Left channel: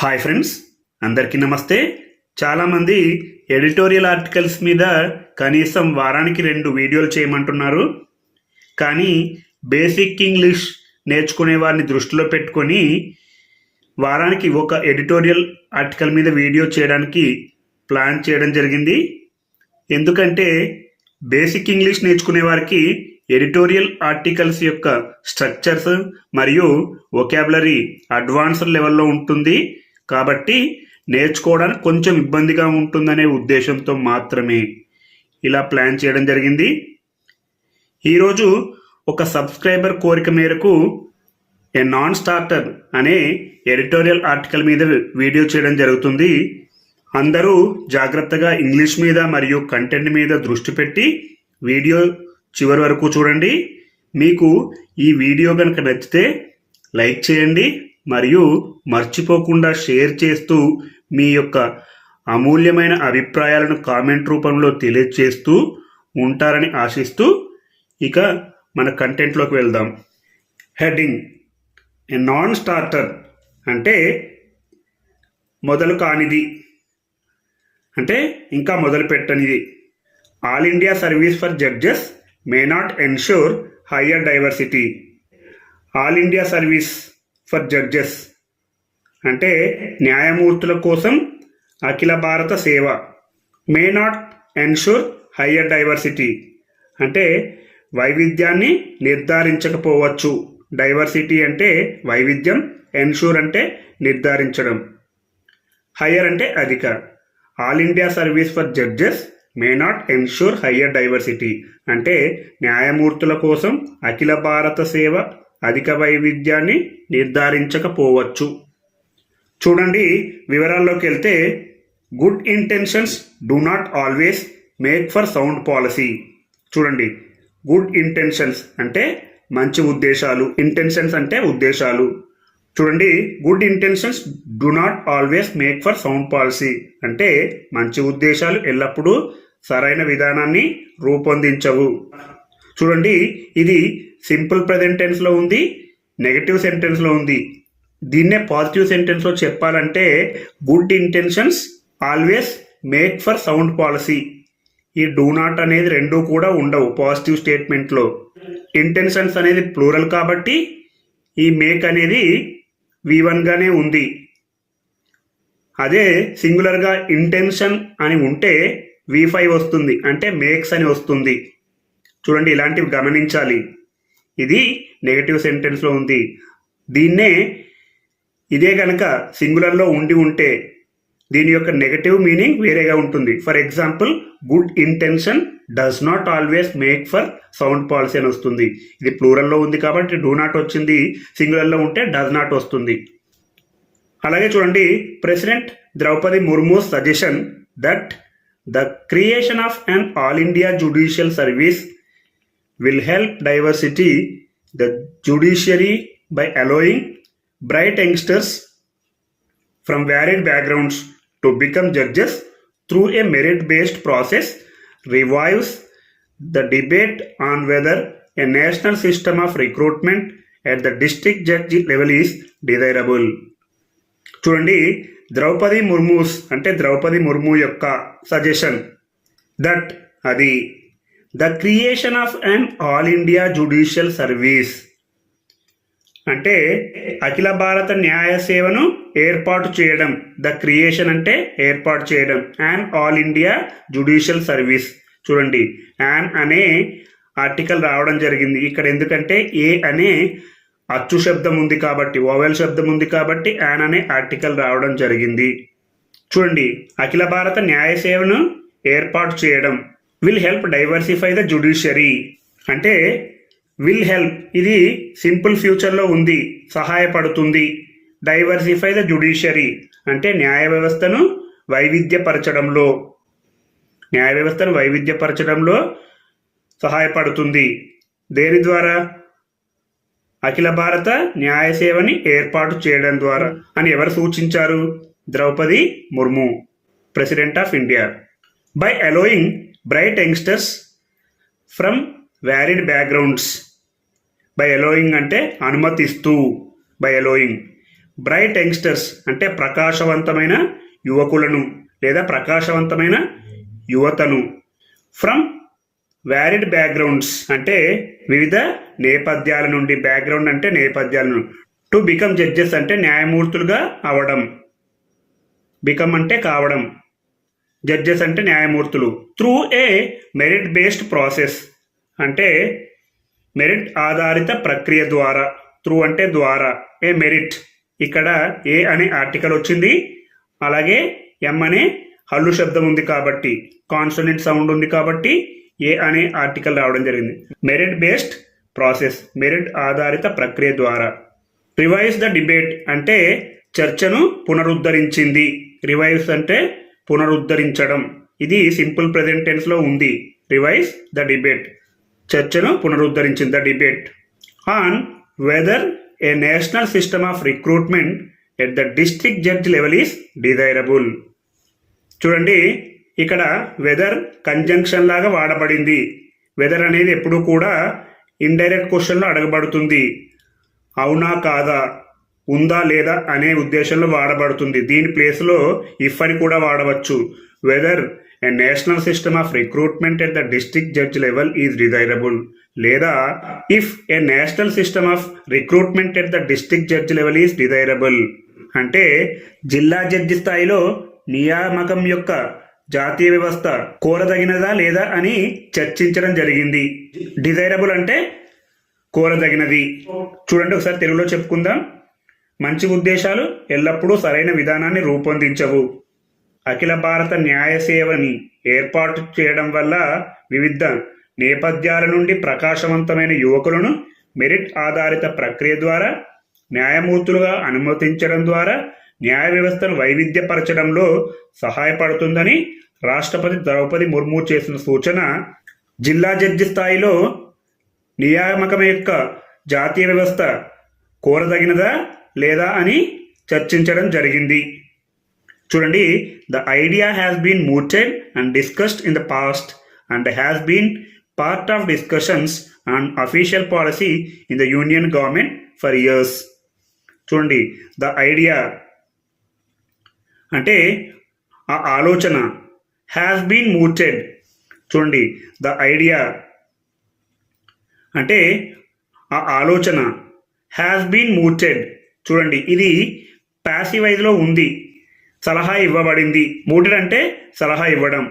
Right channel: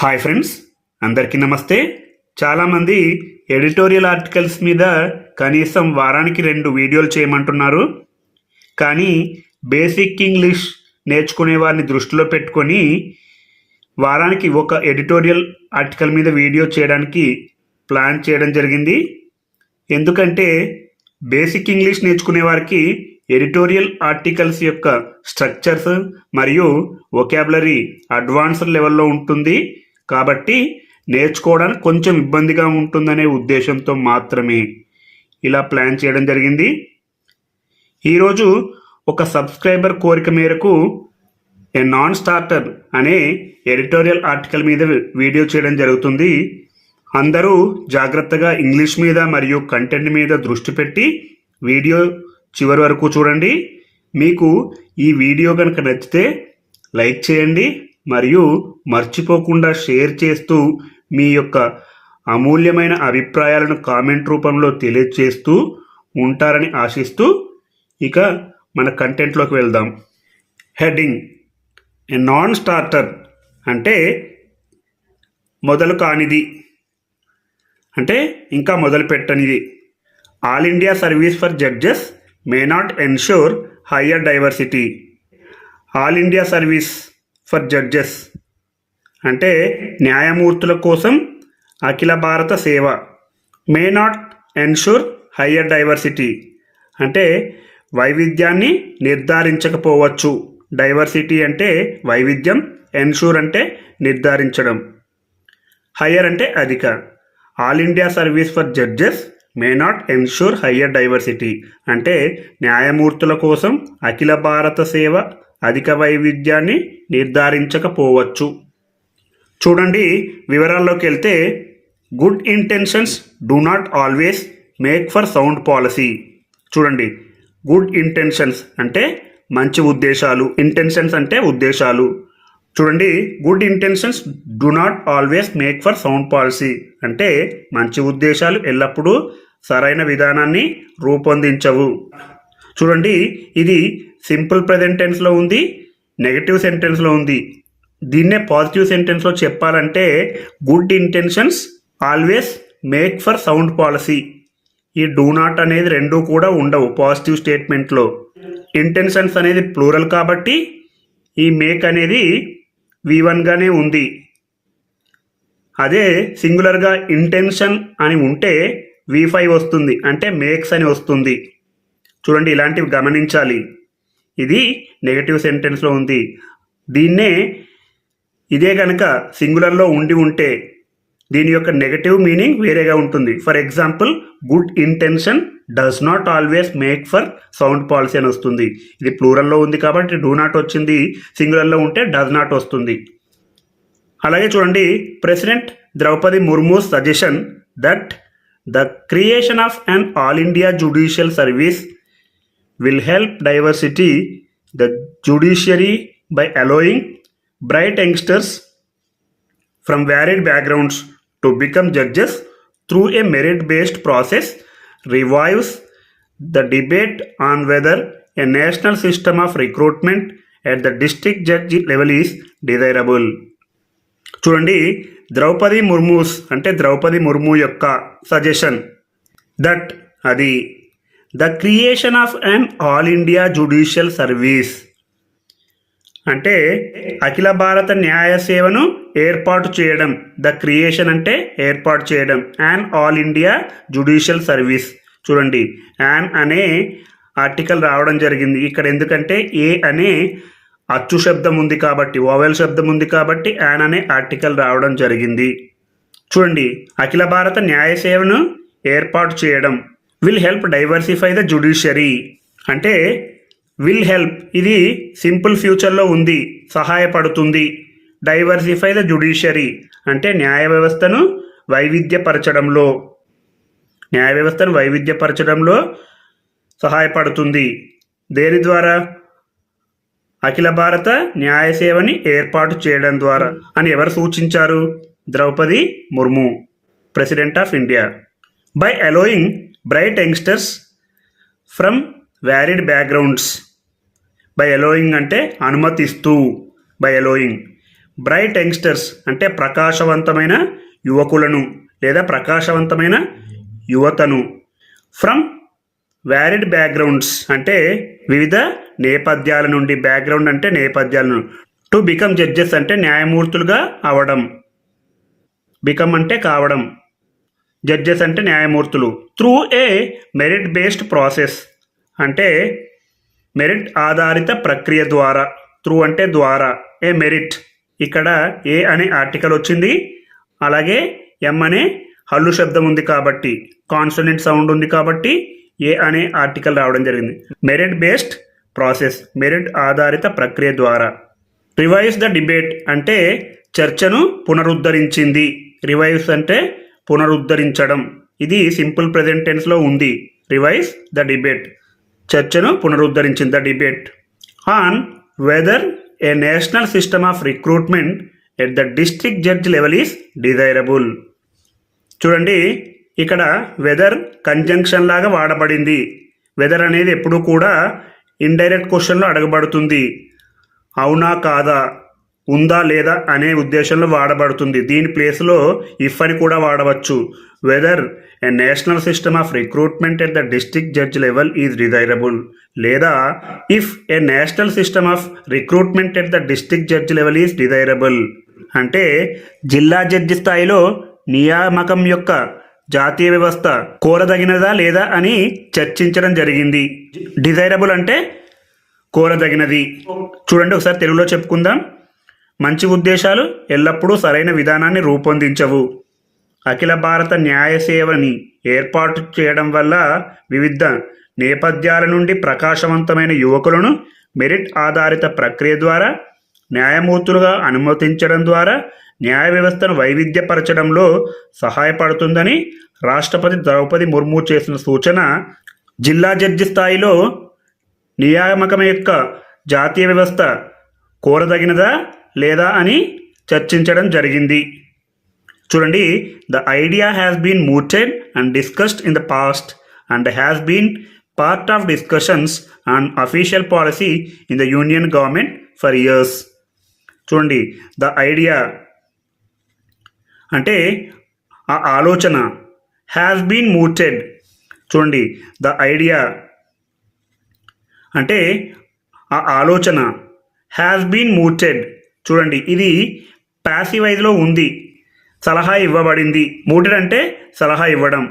Hi friends, అందరికీ నమస్తే. చాలామంది ఎడిటోరియల్ ఆర్టికల్స్ మీద కనీసం వారానికి 2 వీడియోలు చేయమంటున్నారు. కానీ బేసిక్ ఇంగ్లీష్ నేర్చుకునే వారిని దృష్టిలో పెట్టుకొని వారానికి ఒక ఎడిటోరియల్ ఆర్టికల్ మీద వీడియో చేయడానికి ప్లాన్ చేయడం జరిగింది. ఎందుకంటే బేసిక్ ఇంగ్లీష్ నేర్చుకునే వారికి ఎడిటోరియల్ ఆర్టికల్స్ యొక్క స్ట్రక్చర్స్ మరియు వొకాబులరీ అడ్వాన్స్డ్ లెవెల్లో ఉంటుంది. కాబట్టి నేర్చుకోవడానికి కొంచెం ఇబ్బందిగా ఉంటుందనే ఉద్దేశంతో మాత్రమే ఇలా ప్లాన్ చేయడం జరిగింది. ఈరోజు ఒక సబ్స్క్రైబర్ కోరిక మేరకు ఏ నాన్ స్టార్టర్ అనే ఎడిటోరియల్ ఆర్టికల్ మీద వీడియో చేయడం జరుగుతుంది. అందరూ జాగ్రత్తగా ఇంగ్లీష్ మీద మరియు కంటెంట్ మీద దృష్టి పెట్టి వీడియో చివరి వరకు చూడండి. మీకు ఈ వీడియో కనుక నచ్చితే లైక్ చేయండి మరియు మర్చిపోకుండా షేర్ చేస్తూ మీ యొక్క అమూల్యమైన అభిప్రాయాలను కామెంట్ రూపంలో తెలియజేస్తూ ఉంటారని ఆశిస్తూ ఇక మన కంటెంట్లోకి వెళ్దాం. హెడ్డింగ్: ఏ నాన్ స్టార్టర్ అంటే మొదలు కానిది, అంటే ఇంకా మొదలు పెట్టనిది. All India service for judges may not ensure higher diversity. All India service for judges అంటే న్యాయమూర్తుల కోసం అఖిల భారత సేవ. May not ensure higher diversity అంటే వైవిధ్యాన్ని నిర్ధారించకపోవచ్చు. డైవర్సిటీ అంటే వైవిధ్యం, ఎన్ష్యూర్ అంటే నిర్ధారించడం, హయ్యర్ అంటే అధిక. All India service for judges may not ensure higher diversity అంటే న్యాయమూర్తుల కోసం అఖిల భారత సేవ అధిక వైవిధ్యాన్ని నిర్ధారించకపోవచ్చు. చూడండి, వివరాల్లోకి వెళ్తే good intentions do not always make for sound policy. చూడండి, గుడ్ ఇంటెన్షన్స్ అంటే మంచి ఉద్దేశాలు, ఇంటెన్షన్స్ అంటే ఉద్దేశాలు. చూడండి, good intentions do not always make for sound policy అంటే మంచి ఉద్దేశాలు ఎల్లప్పుడూ సరైన విధానాన్ని రూపొందించవు. చూడండి, ఇది సింపుల్ ప్రెజెంట్ టెన్స్లో ఉంది, నెగటివ్ సెంటెన్స్లో ఉంది. దీన్నే పాజిటివ్ సెంటెన్స్లో చెప్పాలంటే good intentions always make for sound policy. ఈ డూ నాట్ అనేది రెండూ కూడా ఉండవు పాజిటివ్ స్టేట్మెంట్లో. ఇంటెన్షన్స్ అనేది ప్లూరల్ కాబట్టి ఈ మేక్ అనేది V1గానే ఉంది. అదే సింగులర్గా ఇంటెన్షన్ అని ఉంటే V5 వస్తుంది, అంటే మేక్స్ అని వస్తుంది. చూడండి, ఇలాంటివి గమనించాలి. ఇది నెగటివ్ సెంటెన్స్లో ఉంది. దీన్నే ఇదే కనుక సింగులర్లో ఉంటే దీని యొక్క నెగటివ్ మీనింగ్ వేరేగా ఉంటుంది. For example, good intention does not always make for sound policy అని వస్తుంది. ఇది ప్లూరల్లో ఉంది కాబట్టి డూ నాట్ వచ్చింది, సింగులర్లో ఉంటే డస్ నాట్ వస్తుంది. అలాగే చూడండి, president Draupadi Murmu suggestion that the creation of an all India judicial service will help diversity the judiciary by allowing bright youngsters from varied backgrounds to become judges through a merit-based process, revives the debate on whether a national system of recruitment at the district judge level is desirable. చూడండి, ద్రౌపది ముర్మూస్ అంటే ద్రౌపది ముర్ము యొక్క suggestion that అది the creation of an all India judicial service అంటే అఖిల భారత న్యాయ సేవను ఏర్పాటు చేయడం. ద క్రియేషన్ అంటే ఏర్పాటు చేయడం. An all India judicial service. చూడండి, యాన్ అనే ఆర్టికల్ రావడం జరిగింది ఇక్కడ. ఎందుకంటే ఏ అనే అచ్చు శబ్దం ఉంది కాబట్టి, వోవెల్ శబ్దం ఉంది కాబట్టి యాన్ అనే ఆర్టికల్ రావడం జరిగింది. చూడండి, అఖిల భారత న్యాయ సేవను ఏర్పాటు చేయడం. Will help diversify the judiciary అంటే విల్ హెల్ప్ ఇది సింపుల్ ఫ్యూచర్లో ఉంది, సహాయపడుతుంది. డైవర్సిఫై ద జ్యుడిషియరీ అంటే న్యాయ వ్యవస్థను వైవిధ్యపరచడంలో సహాయపడుతుంది. దేని ద్వారా? అఖిల భారత న్యాయ సేవని ఏర్పాటు చేయడం ద్వారా అని ఎవరు సూచించారు? Draupadi Murmu, president of India. By allowing bright youngsters from varied backgrounds. By allowing అంటే అనుమతిస్తూ, బై అలోయింగ్ బ్రైట్ యంగ్స్టర్స్ అంటే ప్రకాశవంతమైన యువకులను లేదా ప్రకాశవంతమైన యువతను. ఫ్రమ్ వ్యారిడ్ బ్యాక్గ్రౌండ్స్ అంటే వివిధ నేపథ్యాల నుండి, బ్యాక్గ్రౌండ్ అంటే నేపథ్యాలను. టు బికమ్ జడ్జెస్ అంటే న్యాయమూర్తులుగా అవడం, బికమ్ అంటే కావడం, జడ్జెస్ అంటే న్యాయమూర్తులు. Through a merit based process అంటే మెరిట్ ఆధారిత ప్రక్రియ ద్వారా, త్రూ అంటే ద్వారా, ఏ మెరిట్, ఇక్కడ ఏ అనే ఆర్టికల్ వచ్చింది, అలాగే ఎం అనే హల్లు శబ్దం ఉంది కాబట్టి, కాన్సోనెంట్ సౌండ్ ఉంది కాబట్టి ఏ అనే ఆర్టికల్ రావడం జరిగింది. మెరిట్ బేస్డ్ ప్రాసెస్, మెరిట్ ఆధారిత ప్రక్రియ ద్వారా. రివైజ్ ద డిబేట్ అంటే చర్చను పునరుద్ధరించింది. రివైజ్ అంటే పునరుద్ధరించడం. ఇది సింపుల్ ప్రెజెంట్ టెన్స్లో ఉంది. రివైజ్ ద డిబేట్, చర్చను పునరుద్ధరించింది. The debate on whether a national system of recruitment at the district judge level is desirable. చూడండి, ఇక్కడ వెదర్ కంజంక్షన్ లాగా వాడబడింది. వెదర్ అనేది ఎప్పుడు కూడా ఇండైరెక్ట్ క్వశ్చన్లో అడగబడుతుంది. అవునా కాదా, ఉందా లేదా అనే ఉద్దేశంలో వాడబడుతుంది. దీని ప్లేస్లో ఇఫ్ అని కూడా వాడవచ్చు. Whether a national system of recruitment at the district judge level is desirable, లేదా if a national system of recruitment at the district judge level is desirable అంటే జిల్లా జడ్జి స్థాయిలో నియామకం యొక్క జాతీయ వ్యవస్థ కోరదగినదా లేదా అని చర్చించడం జరిగింది. డిజైరబుల్ అంటే కోరదగినది. చూడండి, ఒకసారి తెలుగులో చెప్పుకుందాం. మంచి ఉద్దేశాలు ఎల్లప్పుడూ సరైన విధానాన్ని రూపొందించవు. అఖిల భారత న్యాయ సేవని ఏర్పాటు చేయడం వల్ల వివిధ నేపథ్యాల నుండి ప్రకాశవంతమైన యువకులను మెరిట్ ఆధారిత ప్రక్రియ ద్వారా న్యాయమూర్తులుగా అనుమతించడం ద్వారా న్యాయ వ్యవస్థను వైవిధ్యపరచడంలో సహాయపడుతుందని రాష్ట్రపతి ద్రౌపది ముర్ము చేసిన సూచన జిల్లా జడ్జి స్థాయిలో నియామకం యొక్క జాతీయ వ్యవస్థ కోరదగినదా లేదా అని చర్చించడం జరిగింది. చూడండి, the idea has been mooted and discussed in the past and has been part of discussions on official policy in the union government for years. చూడండి, ద ఐడియా అంటే ఆ ఆలోచన, హ్యాస్ బీన్ mooted. చూడండి, ద ఐడియా అంటే ఆ ఆలోచన, has been mooted. చూడండి, ఇది ప్యాసివైజ్లో ఉంది. సలహా ఇవ్వబడింది. మూటెడ్ అంటే సలహా ఇవ్వడం,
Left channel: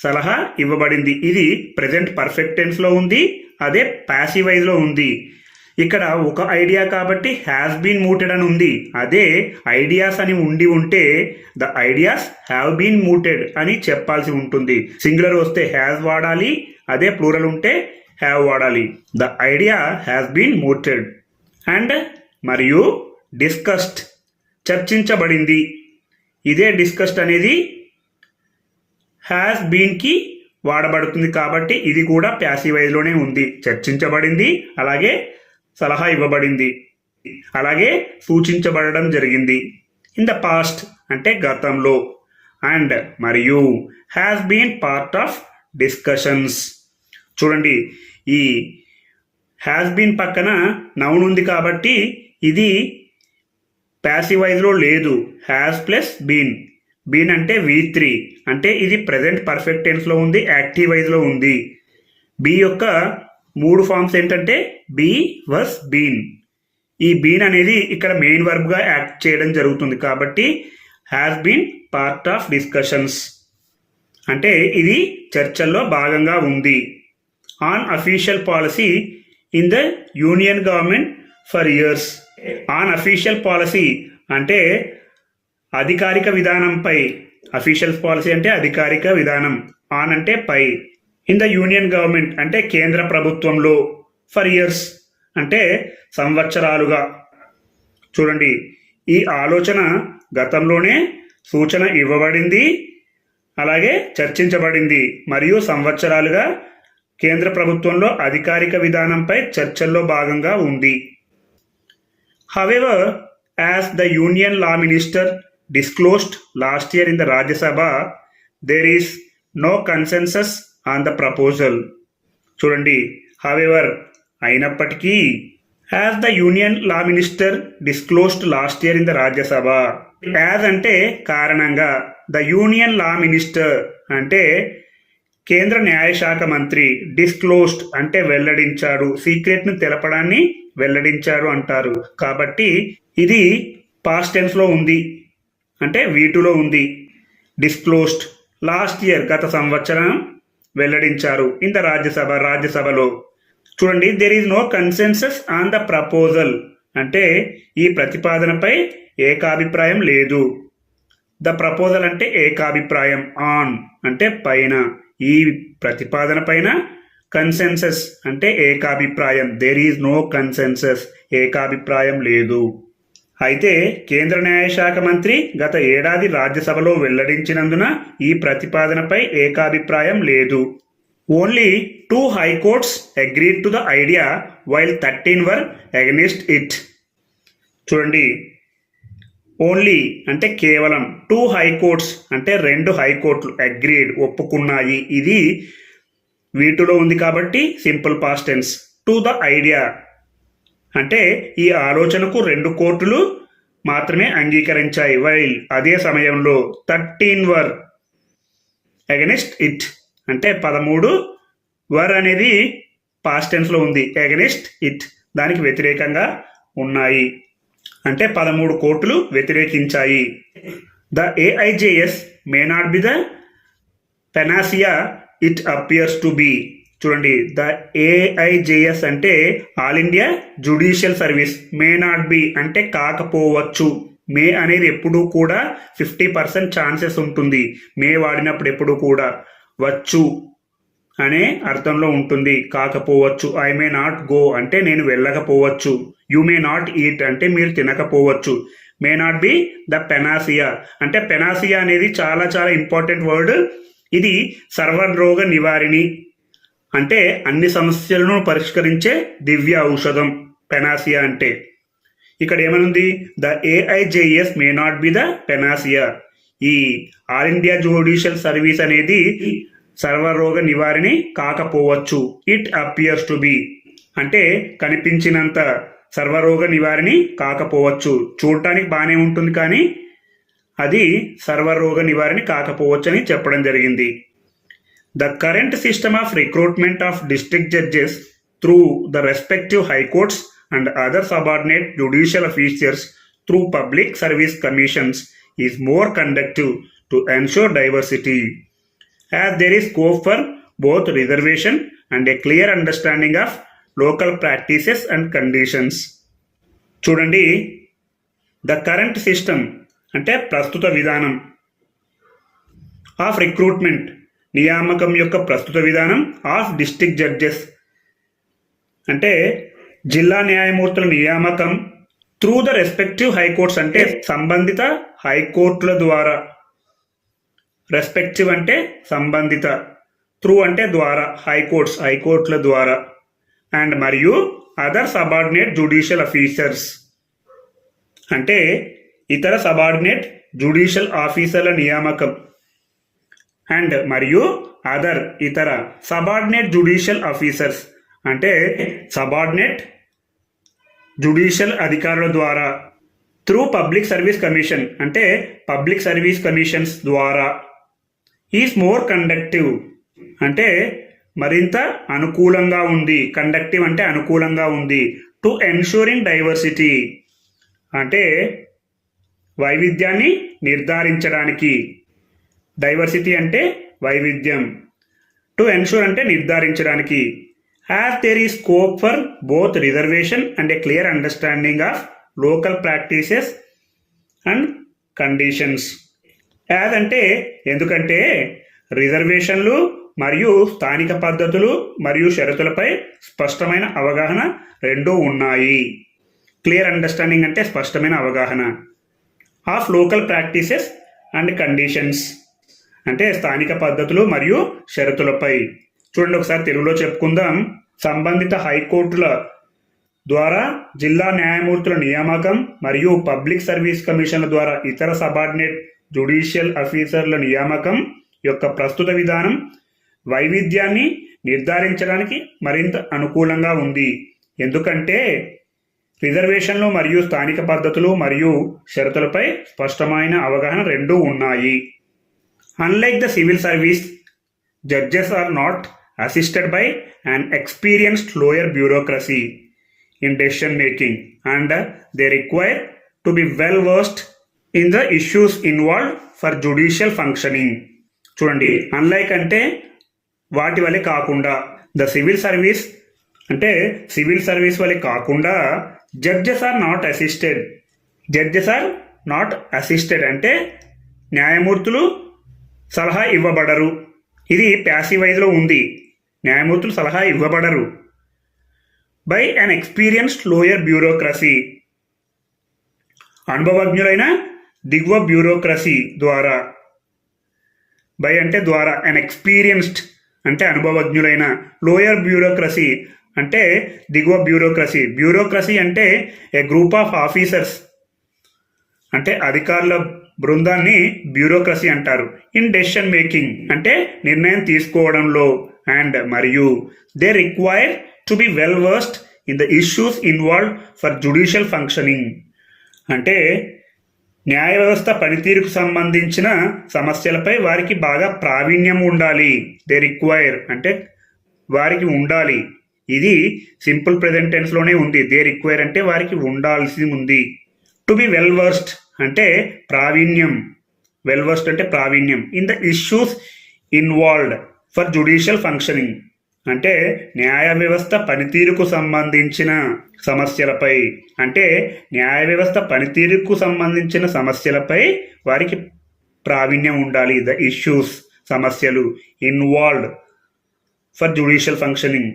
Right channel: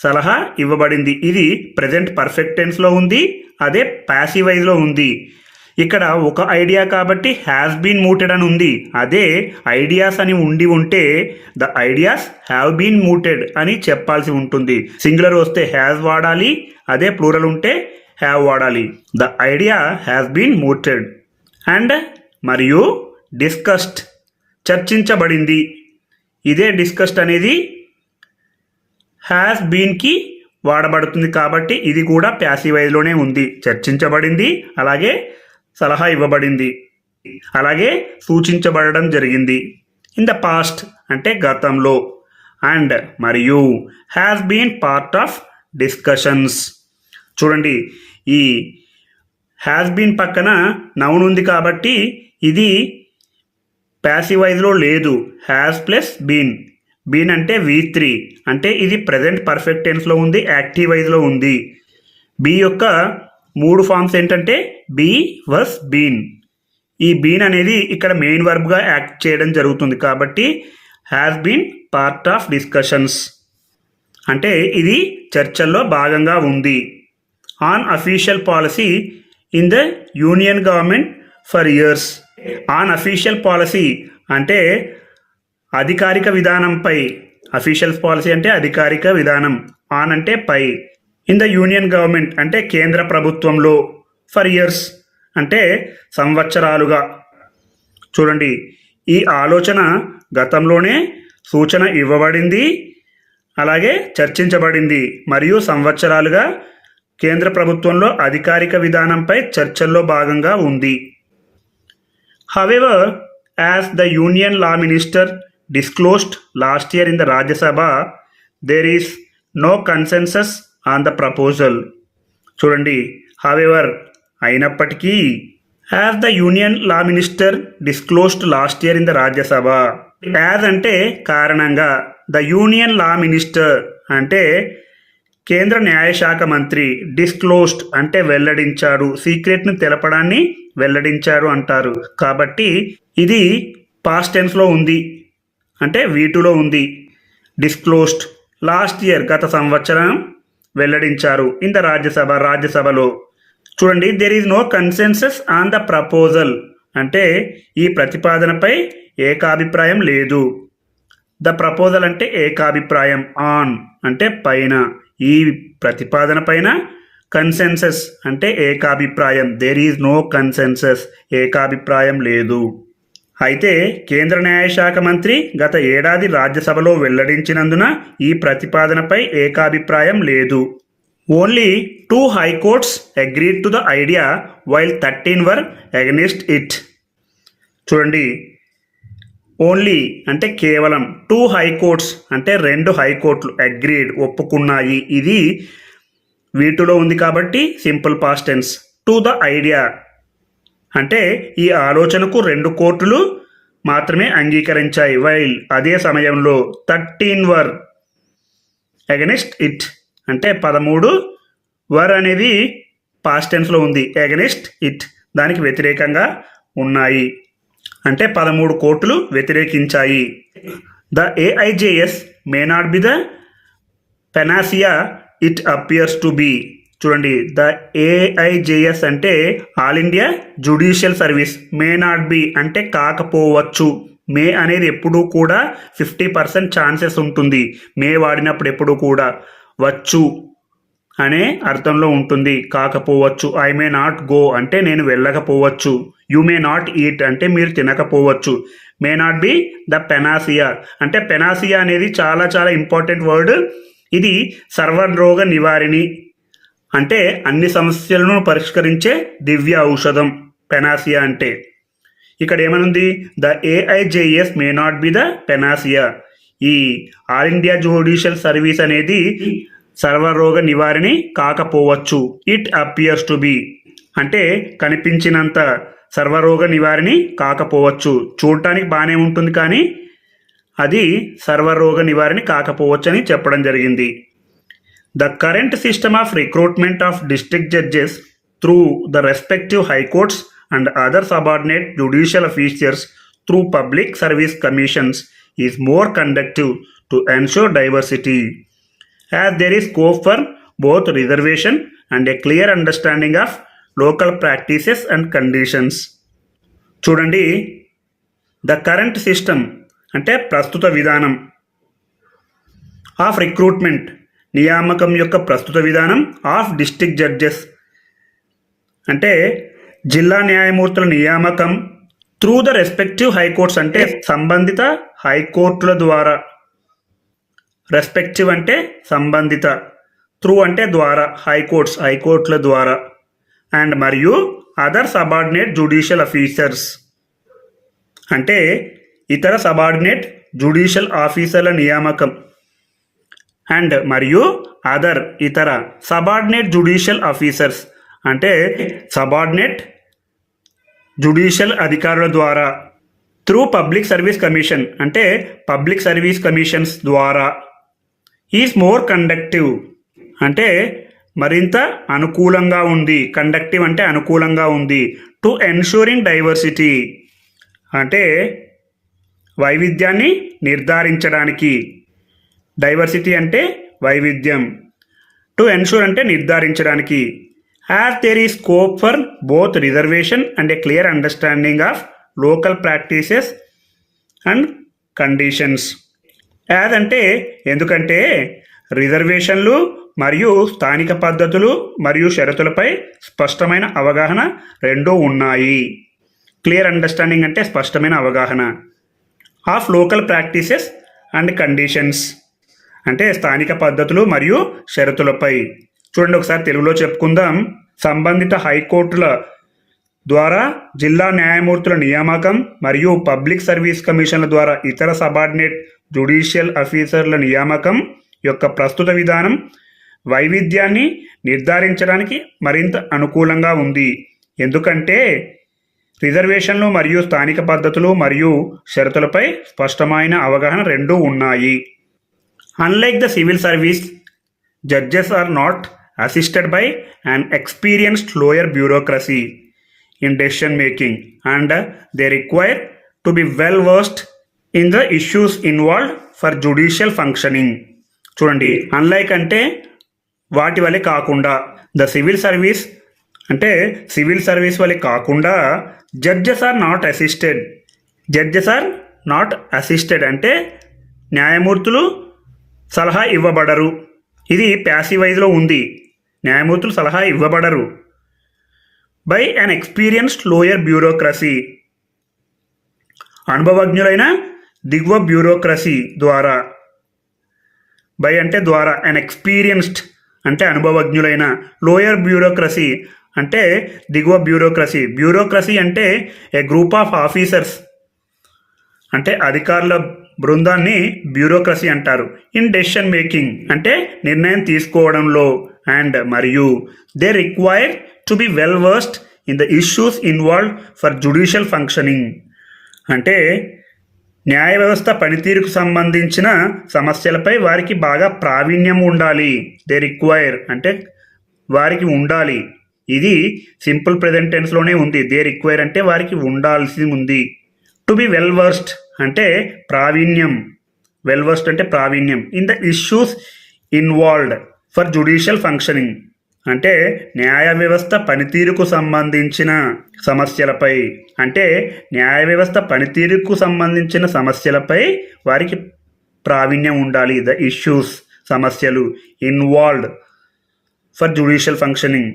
సలహా ఇవ్వబడింది. ఇది ప్రెజెంట్ పర్ఫెక్ట్ టెన్స్లో ఉంది, అదే ప్యాసివైజ్లో ఉంది. ఇక్కడ ఒక ఐడియా కాబట్టి హ్యాస్ బీన్ mooted అని ఉంది. అదే ఐడియాస్ అని ఉంటే the ideas have been mooted అని చెప్పాల్సి ఉంటుంది. సింగులర్ వస్తే హ్యాస్ వాడాలి, అదే ప్లూరల్ ఉంటే హ్యావ్ వాడాలి. The idea has been mooted and మరియు డిస్కస్డ్ చర్చించబడింది. ఇదే డిస్కస్డ్ అనేది హ్యాస్ బీన్కి వాడబడుతుంది కాబట్టి ఇది కూడా ప్యాసివైజ్లోనే ఉంది. చర్చించబడింది, అలాగే సలహా ఇవ్వబడింది, అలాగే సూచించబడడం జరిగింది. ఇన్ ద పాస్ట్ అంటే గతంలో, అండ్ మరియు has been part of discussions. చూడండి, ఈ హ్యాస్ బీన్ పక్కన నౌన్ ఉంది కాబట్టి ఇది ప్యాసివైజ్లో లేదు. హ్యాస్ ప్లస్ బీన్, బీన్ అంటే V3 అంటే ఇది ప్రజెంట్ పర్ఫెక్ట్ టెన్స్లో ఉంది, యాక్టివైజ్లో ఉంది. బీ యొక్క 3 ఫామ్స్ ఏంటంటే బీ, వస్, బీన్. ఈ బీన్ అనేది ఇక్కడ మెయిన్ వర్బ్గా యాక్ట్ చేయడం జరుగుతుంది కాబట్టి has been part of discussions అంటే ఇది చర్చల్లో భాగంగా ఉంది. On official policy in the union government for years. On official policy అంటే అధికారిక విధానంపై. అఫీషియల్ పాలసీ అంటే అధికారిక విధానం, ఆన్ అంటే పై. ఇన్ ద యూనియన్ గవర్నమెంట్ అంటే కేంద్ర ప్రభుత్వంలో. ఫర్ ఇయర్స్ అంటే సంవత్సరాలుగా. చూడండి, ఈ ఆలోచన గతంలోనే సూచన ఇవ్వబడింది, అలాగే చర్చించబడింది మరియు సంవత్సరాలుగా కేంద్ర ప్రభుత్వంలో అధికారిక విధానంపై చర్చల్లో భాగంగా ఉంది. However, as the Union Law Minister disclosed last year in the Rajya Sabha, there is no consensus on the proposal. చూడండి, however అయినప్పటికీ as the union law minister disclosed last year in the Rajya Sabha. As అంటే కారణంగా, the union law minister అంటే కేంద్ర న్యాయశాఖ మంత్రి, disclosed అంటే వెల్లడించారు, సీక్రెట్ను తెలపడాన్ని వెల్లడించారు అంటారు. కాబట్టి ఇది పాస్ట్ టెన్స్లో ఉంది, అంటే వీటిలో ఉంది. డిస్క్లోజ్డ్ లాస్ట్ ఇయర్ గత సంవత్సరం వెల్లడించారు. ఇన్ ద రాజ్యసభలో. చూడండి, there is no consensus on the proposal అంటే ఈ ప్రతిపాదనపై ఏకాభిప్రాయం లేదు. ద ప్రపోజల్ అంటే ఏకాభిప్రాయం, ఆన్ అంటే పైన, ఈ ప్రతిపాదన పైన. కన్సెన్సస్ అంటే ఏకాభిప్రాయం, దేర్ ఈజ్ నో కన్సెన్సస్, ఏకాభిప్రాయం లేదు. అయితే కేంద్ర న్యాయశాఖ మంత్రి గత ఏడాది రాజ్యసభలో వెల్లడించినందున ఈ ప్రతిపాదనపై ఏకాభిప్రాయం లేదు. Only 2 high courts agreed to the idea while 13 were against it. చూడండి, ఓన్లీ అంటే కేవలం, 2 హైకోర్ట్స్ అంటే 2 హైకోర్టులు అగ్రీడ్ ఒప్పుకున్నాయి. ఇది వీటిలో ఉంది కాబట్టి simple past tense. To the idea అంటే ఈ ఆలోచనకు 2 కోర్టులు మాత్రమే అంగీకరించాయి. వైల్ అదే సమయంలో 13 వర్ అగెనిస్ట్ ఇట్ అంటే 13 వర్ అనేది పాస్ట్ టెన్స్లో ఉంది, అగెనిస్ట్ ఇట్ దానికి వ్యతిరేకంగా ఉన్నాయి, అంటే 13 కోర్టులు వ్యతిరేకించాయి. The AIJS may not be the panacea it appears to be. చూడండి, ద ఏఐజేఎస్ అంటే all India judicial service, may not be అంటే కాకపోవచ్చు. మే అనేది ఎప్పుడూ కూడా 50% ఛాన్సెస్ ఉంటుంది. మే వాడినప్పుడు ఎప్పుడు కూడా వచ్చు అనే అర్థంలో ఉంటుంది, కాకపోవచ్చు. ఐ మే నాట్ గో అంటే నేను వెళ్ళకపోవచ్చు. యు మే నాట్ ఈట్ అంటే మీరు తినకపోవచ్చు. మే నాట్ బి ద పెనాసియా అంటే పెనాసియా అనేది చాలా చాలా ఇంపార్టెంట్ వర్డ్. ఇది సర్వరోగ నివారిణి అంటే అన్ని సమస్యలను పరిష్కరించే దివ్య ఔషధం పెనాసియా అంటే. ఇక్కడ ఏమనుంది, the AIJS may not be the panacea. ఈ ఆల్ ఇండియా జ్యుడిషియల్ సర్వీస్ అనేది సర్వరోగ నివారిణి కాకపోవచ్చు. ఇట్ అపియర్స్ టు బి అంటే కనిపించినంత సర్వరోగ నివారిణి కాకపోవచ్చు. చూడటానికి బాగానే ఉంటుంది కానీ అది సర్వరోగ నివారిణి కాకపోవచ్చు అని చెప్పడం జరిగింది. The current system of recruitment of district judges through the respective high courts and other subordinate judicial officers through public service commissions is more conductive to ensure diversity, as there is scope for both reservation and a clear understanding of local practices and conditions. చూడండి, the current system అంటే ప్రస్తుత విధానం, of recruitment నియామకం యొక్క ప్రస్తుత విధానం, of district judges అంటే జిల్లా న్యాయమూర్తుల నియామకం, త్రూ ద రెస్పెక్టివ్ హైకోర్ట్స్ అంటే సంబంధిత హైకోర్టుల ద్వారా, రెస్పెక్టివ్ అంటే సంబంధిత, త్రూ అంటే ద్వారా, హైకోర్టుల ద్వారా, అండ్ మరియు అదర్ సబార్డినేట్ జ్యుడిషియల్ ఆఫీసర్స్ అంటే ఇతర సబార్డినేట్ జ్యుడిషియల్ ఆఫీసర్ల నియామకం, అండ్ మరియు అదర్ ఇతర సబార్డినేట్ జ్యుడిషియల్ ఆఫీసర్స్ అంటే సబార్డినేట్ జ్యుడిషియల్ అధికారుల ద్వారా, త్రూ పబ్లిక్ సర్వీస్ కమిషన్ అంటే పబ్లిక్ సర్వీస్ కమిషన్స్ ద్వారా, ఈజ్ మోర్ కండక్టివ్ అంటే మరింత అనుకూలంగా ఉంది, కండక్టివ్ అంటే అనుకూలంగా ఉంది, టు ఎన్షూరింగ్ డైవర్సిటీ అంటే వైవిధ్యాన్ని నిర్ధారించడానికి, డైవర్సిటీ అంటే వైవిధ్యం, టు ఎన్షూర్ అంటే నిర్ధారించడానికి, యాజ్ దేర్ ఈ scope for both reservation and A clear understanding of local practices and conditions. As అంటే ఎందుకంటే రిజర్వేషన్లు మరియు స్థానిక పద్ధతులు మరియు షరతులపై స్పష్టమైన అవగాహన రెండూ ఉన్నాయి. క్లియర్ అండర్స్టాండింగ్ అంటే స్పష్టమైన అవగాహన, of local practices and conditions అంటే స్థానిక పద్ధతులు మరియు షరతులపై. చూడండి, ఒకసారి తెలుగులో చెప్పుకుందాం. సంబంధిత హైకోర్టుల ద్వారా జిల్లా న్యాయమూర్తుల నియామకం మరియు పబ్లిక్ సర్వీస్ కమిషన్ల ద్వారా ఇతర సబార్డినేట్ జ్యుడిషియల్ ఆఫీసర్ల నియామకం యొక్క ప్రస్తుత విధానం వైవిధ్యాన్ని నిర్ధారించడానికి మరింత అనుకూలంగా ఉంది. ఎందుకంటే రిజర్వేషన్లు మరియు స్థానిక పద్ధతులు మరియు షరతులపై స్పష్టమైన అవగాహన రెండూ ఉన్నాయి. Unlike the civil service, judges are not assisted by an experienced lawyer bureaucracy in decision making, and they require to be well versed in the issues involved for judicial functioning. చూడండి, అన్లైక్ అంటే వాటి వలె కాకుండా, the civil service అంటే civil service వలె కాకుండా, judges are not assisted. Judges are not assisted అంటే న్యాయమూర్తులు సలహా ఇవ్వబడరు. ఇది ప్యాసివైజ్లో ఉంది. న్యాయమూర్తులు సలహా ఇవ్వబడరు. By inexperienced lower bureaucracy, అనుభవజ్ఞులైన దిగువ బ్యూరోక్రసీ ద్వారా. బై అంటే ద్వారా, అన్ ఎక్స్పీరియన్స్డ్ అంటే అనుభవజ్ఞులైన, లోయర్ బ్యూరోక్రసీ అంటే దిగువ బ్యూరోక్రసీ. బ్యూరోక్రసీ అంటే ఏ గ్రూప్ ఆఫ్ ఆఫీసర్స్ అంటే అధికారుల బృందాన్ని బ్యూరోక్రసీ అంటారు. ఇన్ డెసిషన్ మేకింగ్ అంటే నిర్ణయం తీసుకోవడంలో, అండ్ మరియు they require to be well versed in the issues involved for judicial functioning అంటే న్యాయ వ్యవస్థ పనితీరుకు సంబంధించిన సమస్యలపై వారికి బాగా ప్రావీణ్యం ఉండాలి. దే రిక్వైర్ అంటే వారికి ఉండాలి. ఇది సింపుల్ ప్రెజెంట్ టెన్స్లోనే ఉంది. దే రిక్వైర్ అంటే వారికి ఉండాల్సి ఉంది. టు బి వెల్ వర్స్డ్ అంటే ప్రావీణ్యం. వెల్ వర్స్డ్ అంటే ప్రావీణ్యం. In the issues involved for judicial functioning అంటే న్యాయ వ్యవస్థ పనితీరుకు సంబంధించిన సమస్యలపై, అంటే న్యాయ వ్యవస్థ పనితీరుకు సంబంధించిన సమస్యలపై వారికి ప్రావీణ్యం ఉండాలి. ద ఇష్యూస్ సమస్యలు, ఇన్వాల్వ్డ్ ఫర్ జ్యుడిషియల్ ఫంక్షనింగ్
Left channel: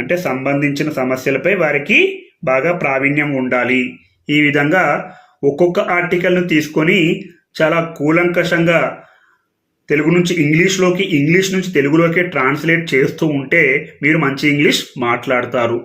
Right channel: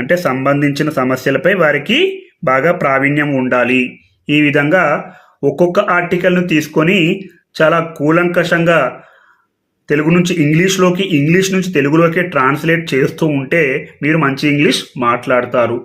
అంటే సంబంధించిన సమస్యలపై వారికి బాగా ప్రావీణ్యం ఉండాలి. ఈ విధంగా ఒక్కొక్క ఆర్టికల్ను తీసుకొని చాలా కూలంకషంగా తెలుగు నుంచి ఇంగ్లీష్లోకి, ఇంగ్లీష్ నుంచి తెలుగులోకి ట్రాన్స్లేట్ చేస్తూ ఉంటే మీరు మంచి ఇంగ్లీష్ మాట్లాడతారు.